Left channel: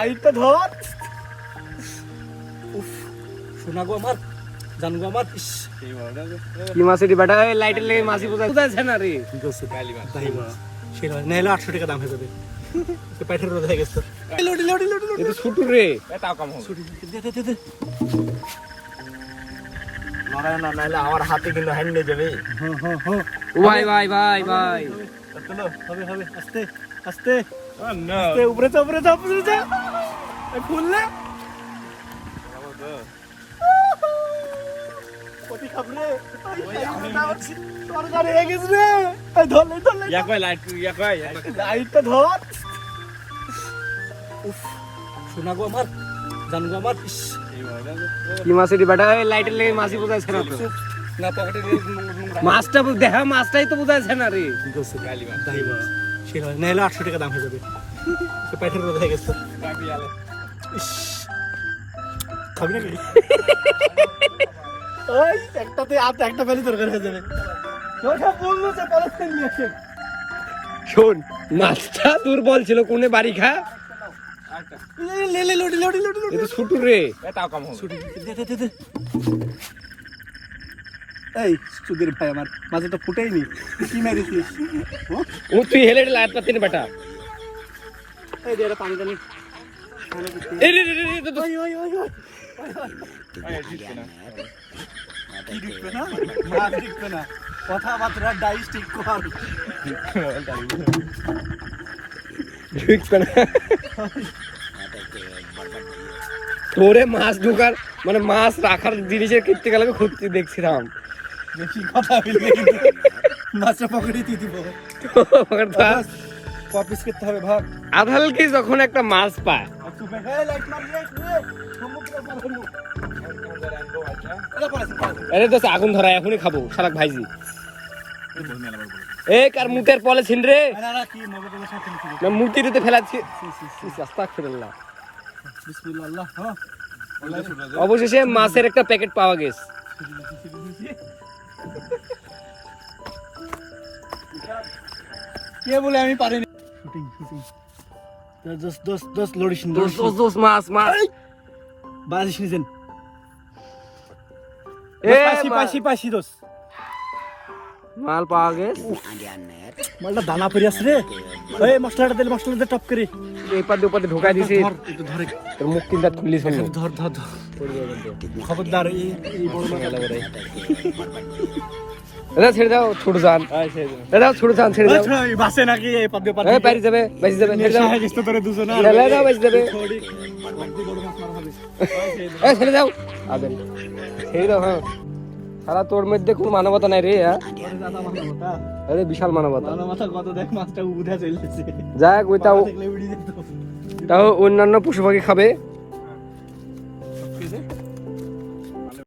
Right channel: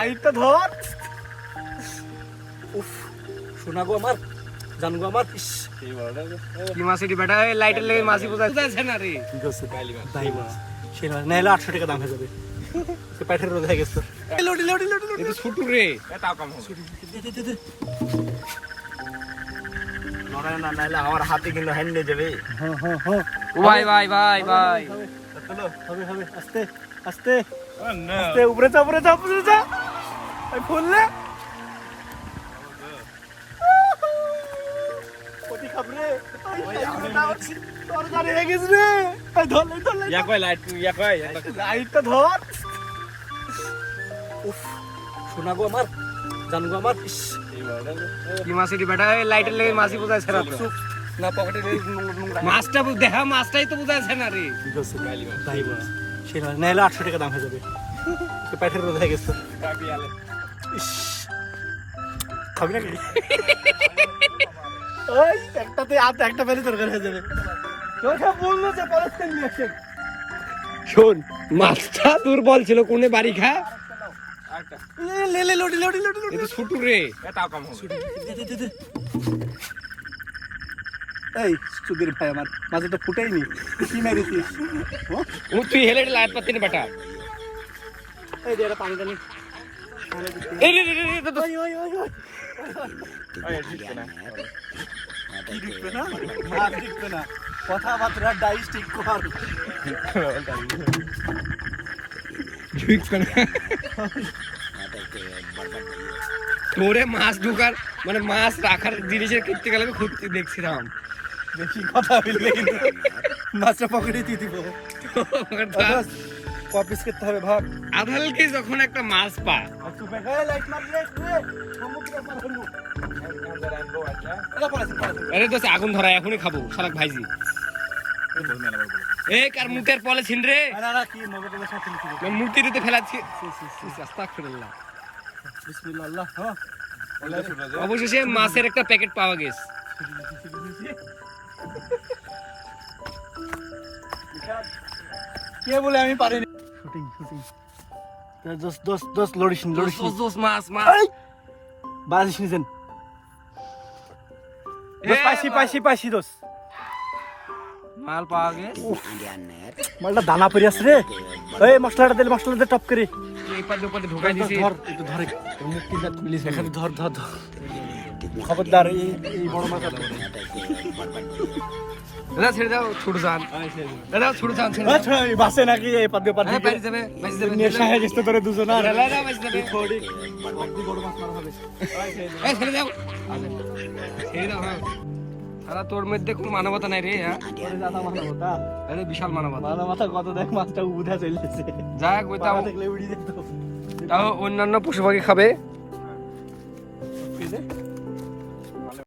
লাইটটা ধর। উফ শোনা গো আমার, জান গো আমার। কি মাছ এটি বেটা? লাইটের লেগে মাছি বোঝাচ্ছে না রে। ঠিক আছে সেটা নাহলে 800 টাকা দাম হয়ে যাবে। পাইঠার রোদ হয়ে গেছে। লড়ি লড়ি লড়ি লড়ি ছুটু রে। তাও কম হবে। দে দে দে দে। লড়াই না নাহলে আমার হাতে কিন্তু হ্যান্ড নিয়ে যাবে। হ্যাঁ হ্যাঁ হ্যাঁ। ভাই ভাই ভাই ভাই। চলো হবে হবে আস্তে আস্তে আস্তে। উপরে যা উপরে যা উপরে যা। এই খুললে ওটি খাবরে। তোর গাড়ি হয়ে গেছে রে। এই ধরলে ধরলে ইয়া কই লাইট ইয়া কই লাইটটা ধর। উফ শোনা গো আমার, জান গো আমার। কি মাছ এটি বেটা? লাইটের লেগে মাছি বোঝাচ্ছে না তো। না পকেটে মাছটা দেখা মাছটাই তো বোঝাচ্ছে না রে। ঠিক আছে তাই বল। সেটা নাহলে 800 টাকা দাম হয়ে যাবে। পাইঠার রোদ হয়ে গেছে। কাপি আলে খাবি নাকি? ওই একটাতে একটা পেলে দরকার হয়ে যাবে। ওটা বললো যে পলিথিন নিয়ে আসে। শোন, মাছটা দুর্বল ছিল, কোনে বাড়ি খা। লে লে লড়ি লড়ি লড়ি লড়ি। এটা ছুটু রে। তাও কম হবে। দে দে দে দে। এই সুধীর ভাই আমার মাঝে তো ফুটেইনি। কি মেরেছিস? তুই হেলে লাইট পাতি না বেটা। এই যে এটা পানি টানি। এই রে রে রে রে। ওই ওই ওই ওই। মাছ দিচ্ছে না, কথাবার্তা ডাইস্টিক কর। তোরে মাছ ঢোকার মানে মাছ রাখার জিনিসের করতে গেলে খুঁজতে দেখছিলাম। দেখি কথা বললে মাছের পকেটে দিয়ে দিব। কপিস করতে হবে ভাব। আধালকে যখন একটা মাছ পায়, লাইট মারলে আরে তো আগুন ধরা এখনই খাবো শালাক ভাইজি। এই কার মুতের পলে ছিন রে। না মুতিতে ফেলাচ্ছি। আস্তাগফিরুল্লাহ। বিসমিল্লাহ। হ্যাঁ অবশেষে মাছের একটা প্যাকেট পাওয়া গেছে। কে বলে আমি পারিনি। শুটিং শুটিং দোস লড়িস দোস মাছ মাছ। বাজিস নিছেন। এ পাইছি পাইছি পাইছি দোস। মাল পাওয়া গেছে। মালটা দানা পড়ে আছে রে। এই মশলাটা দিলে মশলাটা টপ করে এই পাতে উপরে ঢোকাই দিছি। ধর একটু ধরে তোর মুখ কিনটা খুলিস না। ধর ধর ধর। খবরদার এই বড় মাছ করে। দাদা ছেড়ে দাও ছোট জান। দাদা ছোট জান ছেড়ে দাও। আচ্ছা এই বাসে নাকি এই পাতে পাতে। এই বাইরে যাবে বাইরে যাবে। নেশা হয়ে গেছে তোরে দুজন। ছেড়ে দাও বাইরে যাবে। বড় মাছ মারা হবে। এই ছেড়ে দাও। আবেন ছেড়ে দাও। হ্যাঁ সারা তোর মধ্যে কোনো মানবতা নাই রে। হ্যাঁ আরে বিশাল মানবতা। মাথা কত দেখ মাছটা উঠে চলেছে। যাক ওইটাও দেখলে উড়ি যেত। তাও অন্যান্য পশু পাখি খাবে।